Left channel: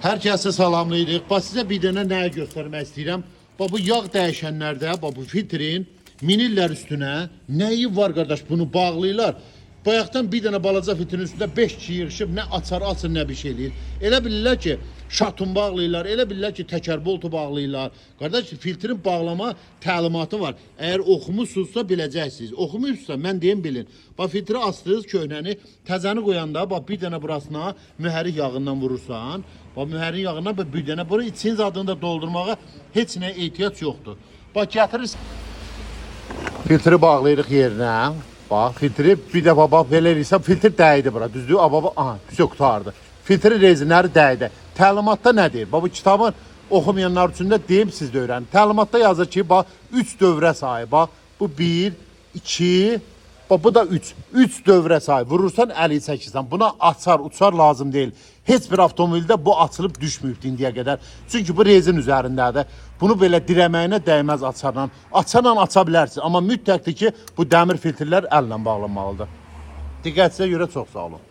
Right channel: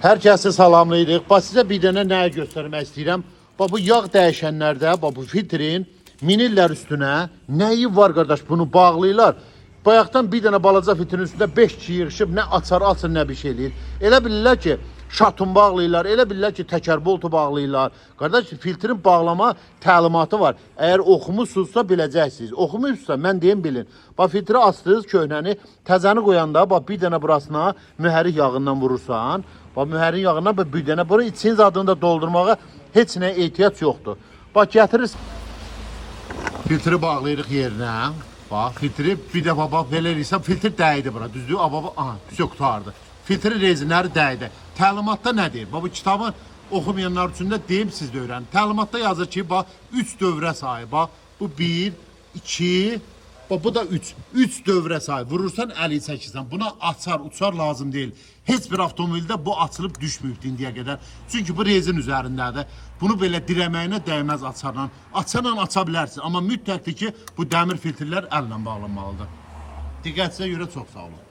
Hər kəsi salamlayırıq. Bax sizə bir dənə nəyi göstərmək istəyirəm. Bax bu yağ dəyişənlərdə, bax bu filtrin minirlər üstünə. Nəyi var qardaş? Bunu bağlayırlar. Bayaqdan bir dənə balaca filtrin üstündə 5 kişi yığışıb nə açar açır, nə bir şey eləyir. Elə bilirlər ki, şatun bağlayırlar, elə bilirlər ki, təkər boltu bağlayırlar. Qardaş, filtrin bağlama təlimatı var. Əgər oxumusunuzsa biləcəksiniz. Oxumuyursunuzsa mən deyim bilin. Bax filtri açdınız köhnəni, təzəni qoyanda bax bir dənə burasına mühərrik yağından vurursan. Bax mühərrik yağından bir dənə bura içinin zadını da doldurmağa heç nəyə ehtiyac yoxdur. Bax gətirirsiniz. Filtri bağlayırıq yerinə. Bax filtri bir dəfə bax belə eləyirsən, filtr dəydi bura, düzdür? Baba, aha, все qutardı. Filtri rezinləri dəydi. Təlimatda nə deyir? Bax bu kitabın oxumayanlar üçün də deyim, siz də öyrənin. Təlimatda yazır ki, bax 3 dövrə sahib. Bax bu 1, 2, bax bu da 3. 3 dövrə sahib. Vurursan əli çəkirsən. Buna açar, uçar lazım deyil. Heç bir avtomobildə bu açılıb düşməyib indiyə qədər. Çünki bu rezin üzərindədir. Bunu belə dirəməyinə dəyməz açarla. Açarla aça bilərsiniz. Amma mütləqdir ki, bu dəmir filtrlər əllə bağlanmalıdır. Diqqətinizə görə çox sağ olun.